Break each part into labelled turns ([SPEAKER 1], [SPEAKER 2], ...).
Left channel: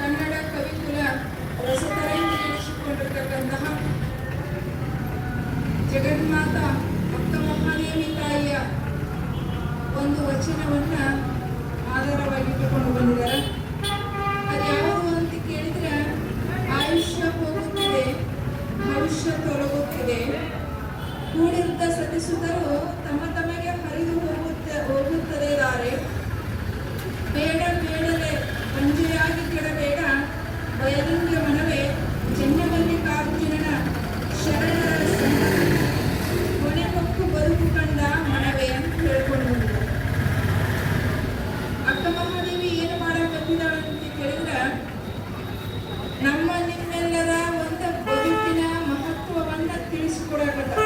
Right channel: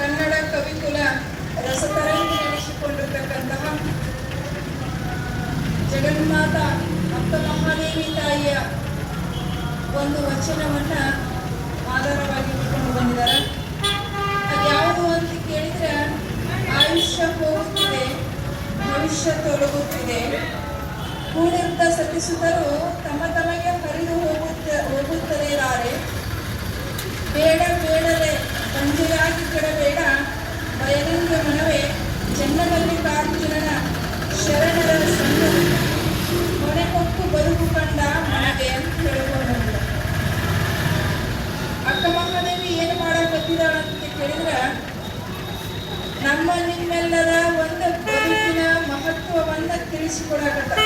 [SPEAKER 1] ಕನ್ನಡ ಕವಿಕುಲ ರಸತರಂಗಿ ನಡೆಸಿಕೊಂಡಿರ್ತಕ್ಕಂತಹ ಜಗನ್ಮಾತ ಅಕ್ಕ ಮಹಾದೇವಿ ತಾಯಿಯ ಒಂದು ವಚನವನ್ನ ಆಧಾರವಾಗಿಟ್ಟುಕೊಂಡು ಬಂದಿದ್ದಾರೆ. ಅದು ಯಾವುದು ಅಂತ ಕೇಳಿದ್ರೆ, ಆಯುಷ್ಯ ಹೋಗುತ್ತಿದೆ, ಭವಿಷ್ಯ ತೊಲಗುತ್ತಿದೆ. ಕೂಡಿರ್ತ ಸತಿಸುತ್ತರೂ ತಮ್ಮ ತಮಗೆ ಹರಿದು ಹೋಗುತ್ತ ಹೋಗುತ್ತದೆ ಬೇಡ ಬೇಡಲೆ ಕೆಡಬೇಡ ಬಯಲಿಂಗ ಮನವೇ ಚೆನ್ನಮಲ್ಲಿಕಾರ್ಜುನನ ಶರಣರ ಹೊಣೆ ಹೊಕ್ಕು ಬರುವು ಕಂಡ ಮನವೇ ಅಂತ ಹೇಳಿಕೊಂಡರು ಅಕ್ಕ ಮಹಾದೇವಿ ಏನು ಮಾಡಕತ್ತಿದ್ದಾಳಂತ ಕೇಳಿದ್ರೆ ನಮ್ಮ ನಿಮ್ಮೆಲ್ಲರ ಒಂದು ಬದುಕಿನ ಮಹತ್ವವನ್ನು ತಿಳಿಸಿಕೊಡಕತ್ತ.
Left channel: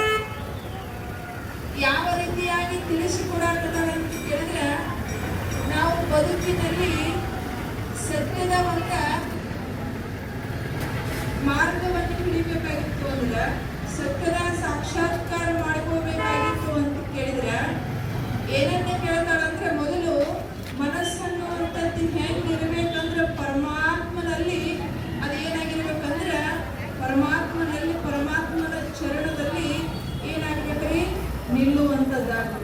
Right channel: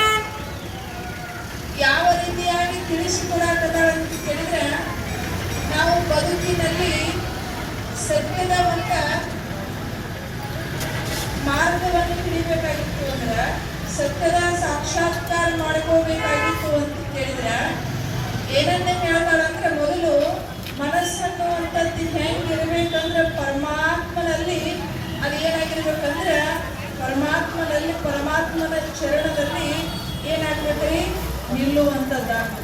[SPEAKER 1] ಯಾವ ರೀತಿಯಾಗಿ ತಿಳಿಸಿಕೊಡಕತ್ತಾಳ ಅಂತ ಕೇಳಿದ್ರೆ, ನಾವು ಬದುಕಿನಲ್ಲಿ ಸತ್ಯದ ಮಾರ್ಗವನ್ನು ತಿಳಿಬೇಕಾಗಿತ್ತು ಅಂದ್ರೆ ಸತ್ಯದ ಸಾಕ್ಷಾತ್ಕಾರ ಮಾಡ್ಕೋಬೇಕಾಗಿತ್ತು ಅಂತ ಕೇಳಿದ್ರೆ ಏನನ್ನ ಹೇಳ್ತಾಳಂದ್ರೆ ಮೊದಲು ಮನಸ್ಸನ್ನುವಂಥದ್ದು ಹೆಂಗಿರ್ಬೇಕಂದ್ರೆ ಪರಮಾತ್ಮನಲ್ಲಿ ಅದು ಏನಾಗಿರ್ಬೇಕಂದ್ರೆ ಪರಮಾತ್ಮನಲ್ಲಿ ಪರಮಾತ್ಮನ ಚರಣದಲ್ಲಿ ಏನಾಗ್ಬೇಕ್ರಿ ನಿಲ್ಲುವಂಥದ್ದಾಗ್ಬೇಕು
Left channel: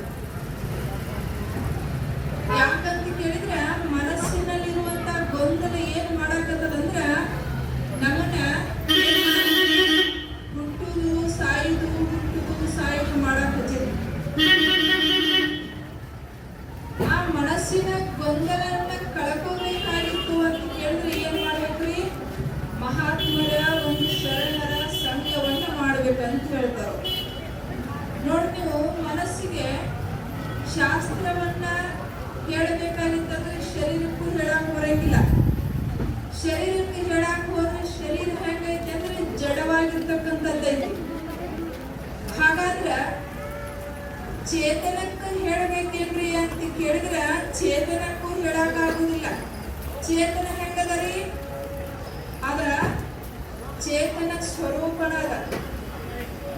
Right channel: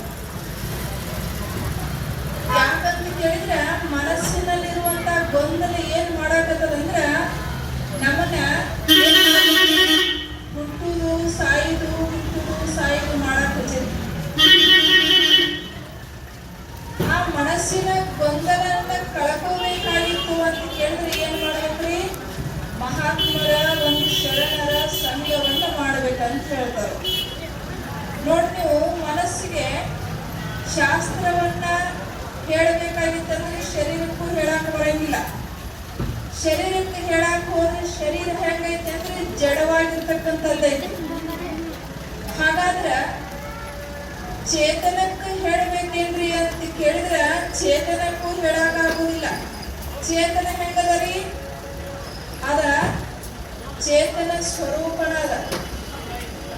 [SPEAKER 1] ಯಾಕಂತ ಕೇಳಿದ್ರೆ ಮನಸ್ಸಿನಲ್ಲಿರುವಂತಹ ಗೊಂದಲ ಏನ್ ಮಾಡಾಕತ್ತದಂದ್ರ ನಮ್ಮನ್ನ? ಹುಟ್ಟುದು ಸಾಯುದು ಹುಟ್ಟುದು ಸಾಯುದು ಮಾಡಾಕತ್ತೈತಿ ಆ ಮನಸ್ಸಿನ ಗೊಂದಲನ್ನ ಕಳ್ಕೋಬೇಕಾಗಿತ್ತು ಅಂತ ಕೇಳಿದ್ರೆ ಏನ್ ಮಾಡ್ಬೇಕ್ರಿ ಮಹಾತ್ಮರ ಒಂದು ಶರಣರ ಸಂಘವನ್ನ ಮಾಡ್ಬೇಕಂತ ಹೇಳ್ತಾರೆ ನೋಡಿ ನೀವು ಮನಸ್ಸಿಗೆ ಶಾಸ್ತ್ರವನ್ನ ಹೇಳಬೇಕಾಗಿತ್ತಂದ್ರೆ ಶರೀರಕ್ಕೂ ಹೇಳಕ್ ಬರಂಗಿಲ್ಲ. ಶರೀರಕ್ಕೆ ಹೇಳಕ್ ಹೋದ್ರೆ ಶರೀರ ಹೆಂಗೈತೆ ಅಂದ್ರೆ ಜಡವಾಗಿರ್ತಕ್ಕಂಥದ್ದೈತಿ ಹಾಗಾದ್ರ ಚೇತನಕ್ಕೆ ಹೇಳಬೇಕೇನ್ರಿ ಅಂತ ಕೇಳಿದ್ರ ಚೇತನಕ್ಕೂ ಹೇಳಕ್ ಆಗುದಿಲ್ಲ ಚೇತನ ಹೆಂಗದರಿ ಅದ ಚೇತನ ಸ್ವರೂಪನ ಅದ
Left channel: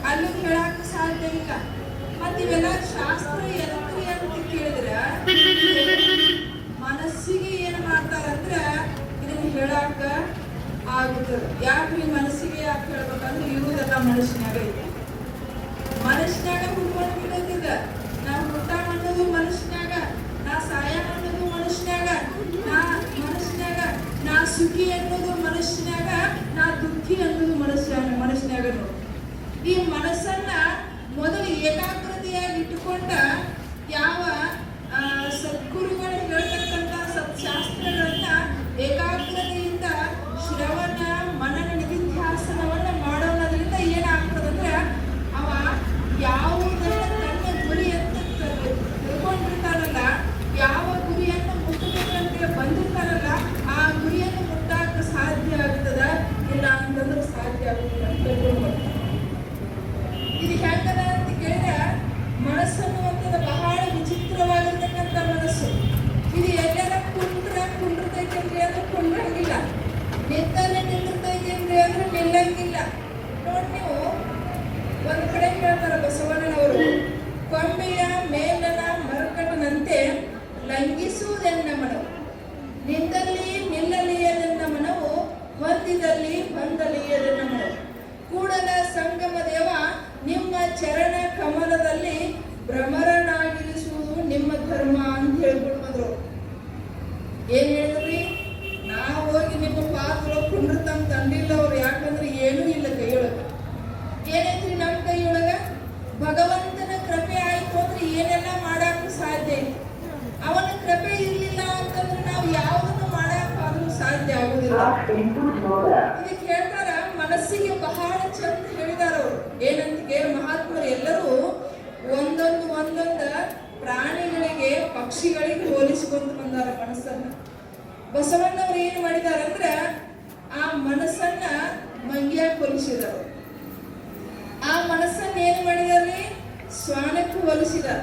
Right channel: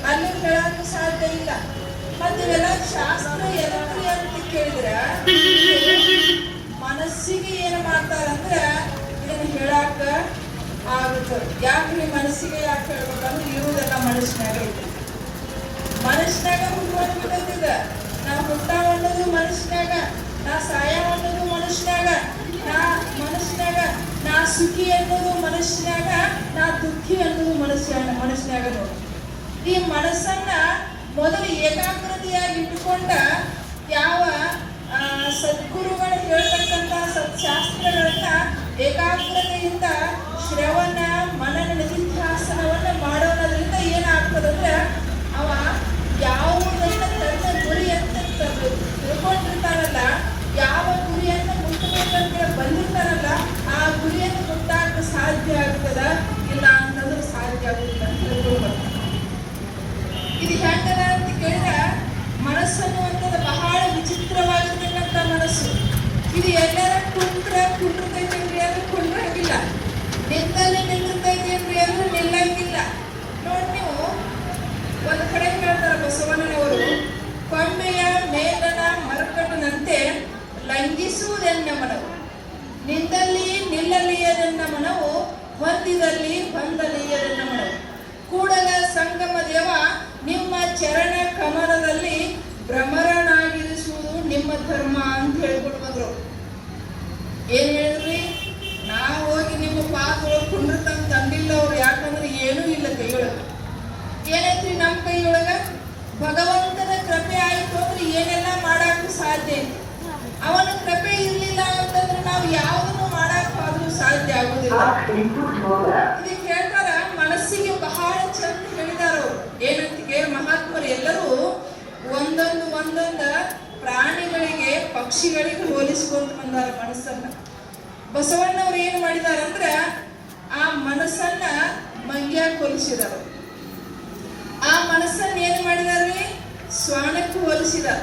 [SPEAKER 1] ಅಲ್ಲಿ ಹೇಳಕ್ ಸಾಧ್ಯ ಇಲ್ಲ. ಮತ್ತೆ ಇವೆಲ್ಲ ಶಾಸ್ತ್ರ ಎದಕ್ರಿ ಅಂತ ಕೇಳಿದ್ರ? ಮನಸ್ಸಿಗೆ ಏನು ಮಾಡ್ತಾರಂದ್ರ ಹೇಳಾಕ ಯಾಕೆ ಯಾಕ್ರಿ ಮನಸ್ಸಿಗೆ ಯಾಕೆ ಹೇಳ್ಬೇಕಂದ್ರೆ ಇರುವುದೆಲ್ಲ ಮನಸ್ಸಿನಾಗ ಐತಿ ಮನಸ್ಸಿನಾಗ ಹುಟ್ಟುವಂತ ಬಿಟ್ಟೈತಿ ಈಗ. ನಾ ಹುಟ್ಟಾವ ಅನ್ನೋದು ಮನಸ್ಸಿನಾಗ, ನಾ ಸಾಯ ಅನ್ನೋದು ಮನಸ್ಸಿನಾಗ, ನಾ ಮನಸ್ಸಿನಾಗ, ನಾ ಸುಖಿ ಅನ್ನೋದು ಮನಸ್ಸಿನಾಗ, ನಾ ದುಃಖಿ ಅನ್ನೋದು ಮನಸ್ಸಿನ, ಮನಸ್ಸಿನಾಗ ನೋಡಿ. ಈ ಮನಸ್ಸನ್ನ ಮೊದಲು ಏಕಾಗ್ರತೆಯಾಗಿ ಇಟ್ಟುಕೊಂಡ ಯಾವ ಸದ್ಗುರುಗಳು ಹೇಳ್ತಕ್ಕಂಥ ಸತ್ಶಾಸ್ತ್ರಗಳನ್ನ ಏಕಾಗ್ರತೆಯಿಂದ ಶ್ರವಣ ಮನನ ನಿಧಿಧ್ಯಾಸನವನ್ನು ಮಾಡೋದ್ರಿಂದ ಏನಾಗ್ತದಂದ್ರೆ ಅವ ಯಾವುದನ್ನ líder, líder. ಏನಂತ ಕೇಳಿ ಮಹಾತ್ಮರು ಎಲ್ಲರೂ ಒಂದೊಂದು ಒಂದೊಂದ ಪ್ರಾಣಿಗಳಿಗೆ, ಪಕ್ಷಿಗಳಿಗೆ ಹೋಲಿಸಿಕೊಂಡು ಬಂದಾರ ಮನಸ್ಸನ್ನ ಬಸವಣ್ಣವ್ರು ಏನ್ ಮಾಡಿದಾರಂದ್ರ ಆ ಮನಸ್ಸನ್ನ ಮಂಗ್ಯಾಕ್ ಹೋಲಿಸಿದಾರ ಆ ಮನಸ್ಸನ್ನ ಏನ್ ಮಾಡಿದಾರ್ರಿ? ಸ್ವಾಣಕ್ಕೆ ಹೋಲಿಸಿದಾರ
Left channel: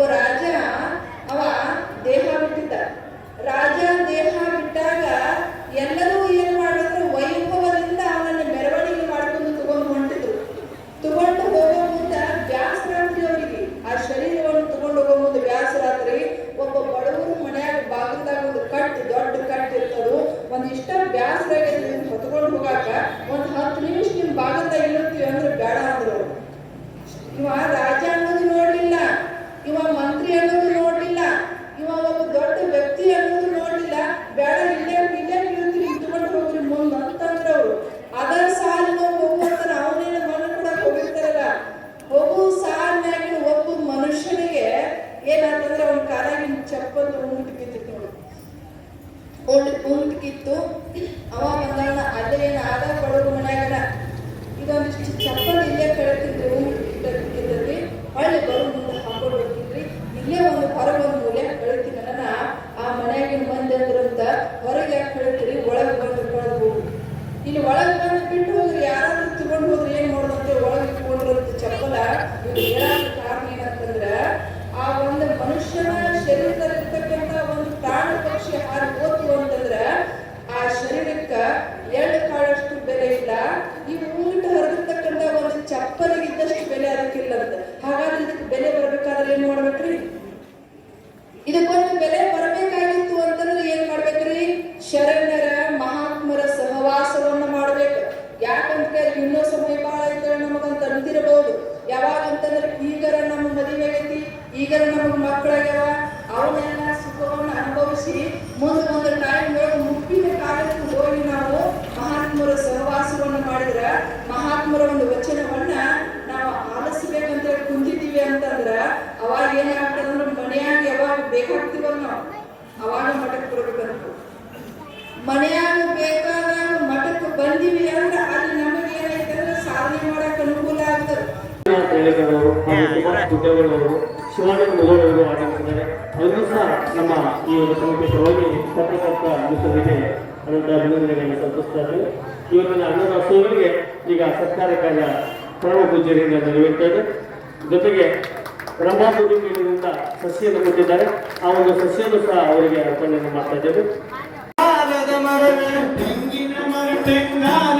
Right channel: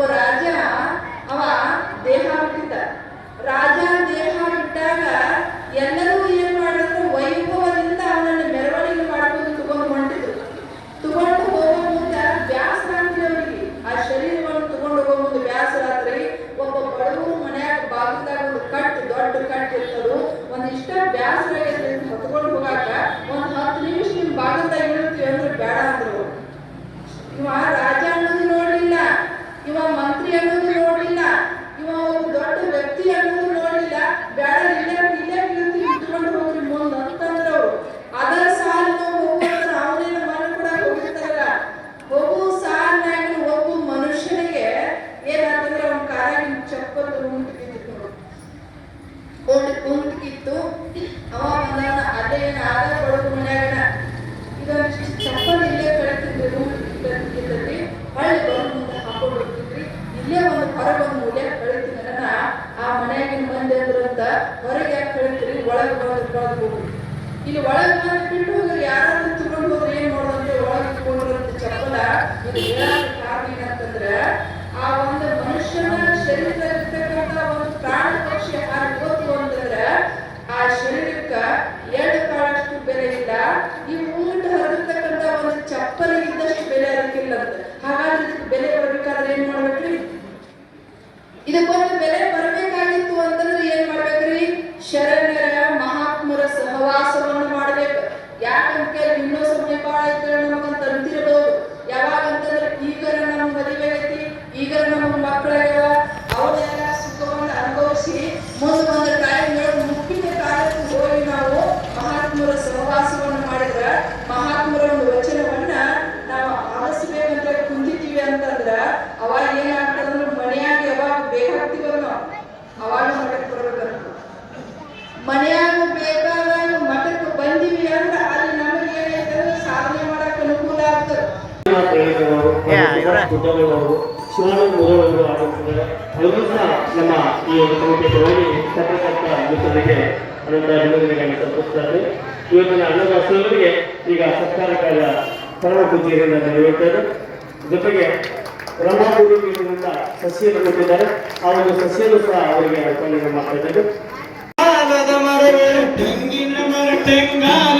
[SPEAKER 1] ಒಬ್ಬ ರಾಜ, ಅವ ದೇಹ ಬಿಟ್ಟಿದ್ದ. ರಾಜ ದೇಹ ಬಿಟ್ಟಾಗ ಎಲ್ಲರೂ ಏನ್ ಮಾಡಿದ್ರು? ವೈಭವದಿಂದ ಅವನನ್ನು ಮೆರವಣಿಗೆ ಮಾಡ್ಕೊಂಡು ತಗೊಂಡು ಹೊಂಟಿದ್ರು. ತಗೊಂಡು ಹೋಗೋ ಮುಂದ ಬ್ಯಾಸರಾತ್ರಿ ಅವರಿಗೆ ಆ ಶರೀರವನ್ನು ತಗೊಂಡು ಹೋಗೋ ಮುಂದೆ ಬ್ಯಾಸರಾತ್ರಿ ಒಬ್ಬ ಬಡವರು ಮನ್ಯಾಗ ಬಾಗಿಲ್ದಾಗ ಒಂದು ದೊಡ್ಡ ಕಟ್ ಇರ್ತರು. ಒಂದಿಷ್ಟ ಇಷ್ಟ ಬ್ಯಾಸರಾಗೈತಿ ಹೊತ್ಕೊಂಡು ಹೋಗಾಕ ಒಂದು ಹತ್ತು ನಿಮಿಷ ನಿಮ್ ಬಾಗಿಲ್ದಾಗ ಇಳಿರ್ತೀವಿ ಅಂದ್ರೆ ಬೇಡ ಅಂದ್ರು. ಇವ ರಾಜ ಅನ್ನೋದು ನೋಡ್ಲಿಲ್ಲ ಇವ ಮಂತ್ರಿ ಅನ್ನೋದು ನೋಡ್ಲಿಲ್ಲ ಇವ ಒಬ್ಬ ದೊಡ್ಡ ವ್ಯಕ್ತಿ ಅನ್ನೋದು ನೋಡ್ಲಿಲ್ಲ ಬೇಡ ಇಲ್ಲೇ ಇಲ್ಲೇ ಇಳಿರ್ತೀವಿ ಇಟ್ಕೊಂಡು ಹೋಗ್ರಿ ಮುಂದ್ ಅಂತಂದ್ರ ಅವ್ರು ಅದರ ಸಾಲಿನ ಹೋಗುವಂತ ಅವನೇನ ಮನ ಕೂಡ ಹೋಗಿರ್ತಾರಲ್ಲ ಹೋಗು ಸಾಲಿನಾಗಿನ ಒಬ್ಬ ಮನುಷ್ಯನಿಗೆ ಏನಾತಂದ್ರೆ ಅವ್ನ ಕಾರಾಗಿನ ಚಪ್ಪಲ್ ಉಂಟು ನೋಡಿ. ಉಂಟು ಉಂಟು ಅವ ಬಂದಾಗ ಅದೇ ಏನು ಆದ ಬಡವ್ರ ಮನ್ಯಾಗನ. ಇದೊಂದಿಷ್ಟು ಚಪ್ಪಲ್ ಇಲ್ಲೇ ಕಳಿತಿದ್ವಿ ರೂಮ್ ಹಳ್ಳಿ ಬರೋ ಮುಂದೆ ಹಾಕೊಂಡು ಹೋಗ್ತಿದ್ರಿ ಇಲ್ಲೇ ಒಂದು ಹೊರಗೆ ಒಂದು ಮೂಲೆ ಕಳಿತಿದ್ದನ ಆ ಮನೆಯಾಗಿನ ಮಂದಿ ಅಂದ್ರಂತ ಹೊರಗೆ ಯಾಕೆ ಕಳಿತೀರಿ ಒಳಗೆ ಬಂದು ಕಳೆದು ಹೋಗ್ರಿ ಇಲ್ಲಿ ಒಳಗೆ ಬಂದು ಬಿಟ್ಟು ಹೋಗ್ರಿ ಯಾರಾದ್ರೂ ತಗೊಂಡು ಹೋದ್ರೆ ಏನ್ ಮಾಡೋದಂತೆ ಒಳಗೆ ಇಟ್ಕೊಂಡಿರೋ ಚಪ್ಪಲ. ಇದು ಹೇಳಾಕ ಕಾರಣ ಏನಂತಂದ್ರ ಆ ಒಂದು ಮನುಷ್ಯನ ಶರೀರದಲ್ಲಿರ್ತಕ್ಕಂಥ ಒಂದು ಪ್ರಾಣ ಪಕ್ಷಿ ಹಾರಿ ಹೋತು ಅಂತಂದ್ರ ಆ ಶರೀರಕ್ಕ ಎರಡು ಕಾಳಷ್ಟು ಬೆಲೆ ಇಲ್ಲ. ಈ ಊಟ ಹರಿದಿರ್ತಕ್ಕಂಥ ಒಂದು ಚಪ್ಪಲಿಗೆ ಇದ್ದಷ್ಟು ಬೆಲೆ ಅದಕ್ಕಿಲ್ಲ ಅಂತ. ಹಾಗಾದ್ರೆ ಇದಕ್ಕೆ ಬೆಲೆ ಬರ್ಬೇಕಾದ್ರೆ ಏನ್ ಮಾಡ್ಬೇಕ್ರಿ? ಇದಕ್ಕೊಂದು ಬೆಲೆ ಬರಬೇಕಾಗಿತ್ತು ಅಂತಂದ್ರೆ ಏನ್ ಮಾಡ್ಬೇಕ್ರಿ? ಶರಣರ ಮಹಾತ್ಮರ ಸಹವಾಸವನ್ನು ಮಾಡ್ಬೇಕು ಯಾಕಂತ ಕೇಳಿ ಇನ್ನೂ ಸಮಯ ಬಾಳ ಐತೆ ನಮಗಂತ ಅಂತಿರಬಹುದು ಯಾವಾಗ ಅಂತಂದ್ರೆ ಈಗರ ನಮಗ್ ಮದುವೆ ಆಗೈತಿ ಈಗರ ನಮಗ್ ಮಕ್ಕಳಾಗ್ಯಾವ ಅವನ್ನೆಲ್ಲ ಸುಖವನ್ನು ಅನುಭವಿಸಿ ಮುಂದೆ ಒಂದು ಟೈಮ್ ಮುಟ್ಟಿನ ಕಾಲಕ್ಕೆ ಹೋಗಿ ನಾವು ಮಹಾತ್ಮರ ಸಹವಾಸವನ್ನು ಮಾಡಿದ್ರ ಮಹಾತ್ಮರ ಒಂದು ವಚನವನ್ನ ನಾವು ಆಲಿಸ್ಬೇಕಂತ ಕುಂದಿದ್ದೀವಿ ಅಂತಂದ್ರ ಅವಾಗ ಏನಾಗ್ತದಂದ್ರೆ ಮನೆಯಾಗ ಯಾವಾಗ ಬೇಕಾಗ್ತೀವೋ ನಾವು ಅವಾಗ ಮಠಕ್ಕೆ ಬರಬೇಕು ಮನೆಯಾಗ ಬೇಕಾದಾಗ ಮಠಕ್ಕೆ ಬಂದಿವಿ ಅಂದ್ರೆ ಅಲ್ಲಿ ನಮಗೆ ಏನಾಯ್ತಂದ್ರೆ ಸಾಧನೆ ಮಾಡಕ್ ಅನುಕೂಲ ಆಗ್ತದೆ.
[SPEAKER 2] ಶಿವನ ಗುಡ್ಡಗಳವರು ಶಿವಾನಂದ ಮುದೋಳವರು ಸಹ ನಮ್ಮ ಈ ಒಂದು ಕಮಿಟಿ ಹೋಗಿ ತಕ್ಕಂಥ ಅನ್ನಿಸೋದಕ್ಕೆ ಅನಂತ ಅಭಿನಂದನೆಗಳನ್ನು ಸಲ್ಲಿಸ್ತಾರೆ ಇವತ್ತಿನ ಅನ್ನದಾಸರಿಗೆ ಈಗ ಸತ್ಕಾರ ಕಾರ್ಯ ಪರಮ ಪೂಜೆಯಿಂದ ನಡೆಯುತ್ತದೆ ಜೊತೆಗೆ ಬ್ರಹ್ಮಗುರು ಪೀಠದಿಂದ ಸಸ್ಯವನ್ನು ಕೊಟ್ಟಿದ್ದಾರೆ ಆ ಒಂದು ಸಸ್ಯವನ್ನು ಸಹ ಅವರಿಗೆ ಅರ್ಪಣೆ ಮಾಡ್ತಾ ಇದ್ದೇವೆ
[SPEAKER 3] ತೆಂಗಿನ ಮರ ತೆಂಗಾಲದ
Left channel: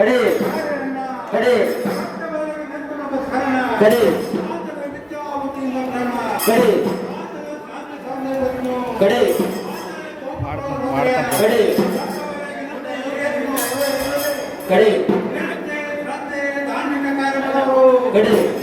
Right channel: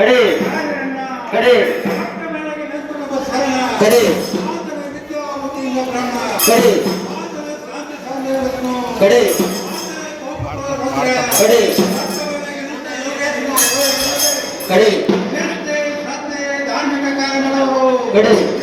[SPEAKER 4] ಕಡೆ. ಕಡೆ. ಕಡೆ. ಕಡೆ. ಕಡೆ. ಕಡೆ. ಕಡೆ. ಕಡಿ.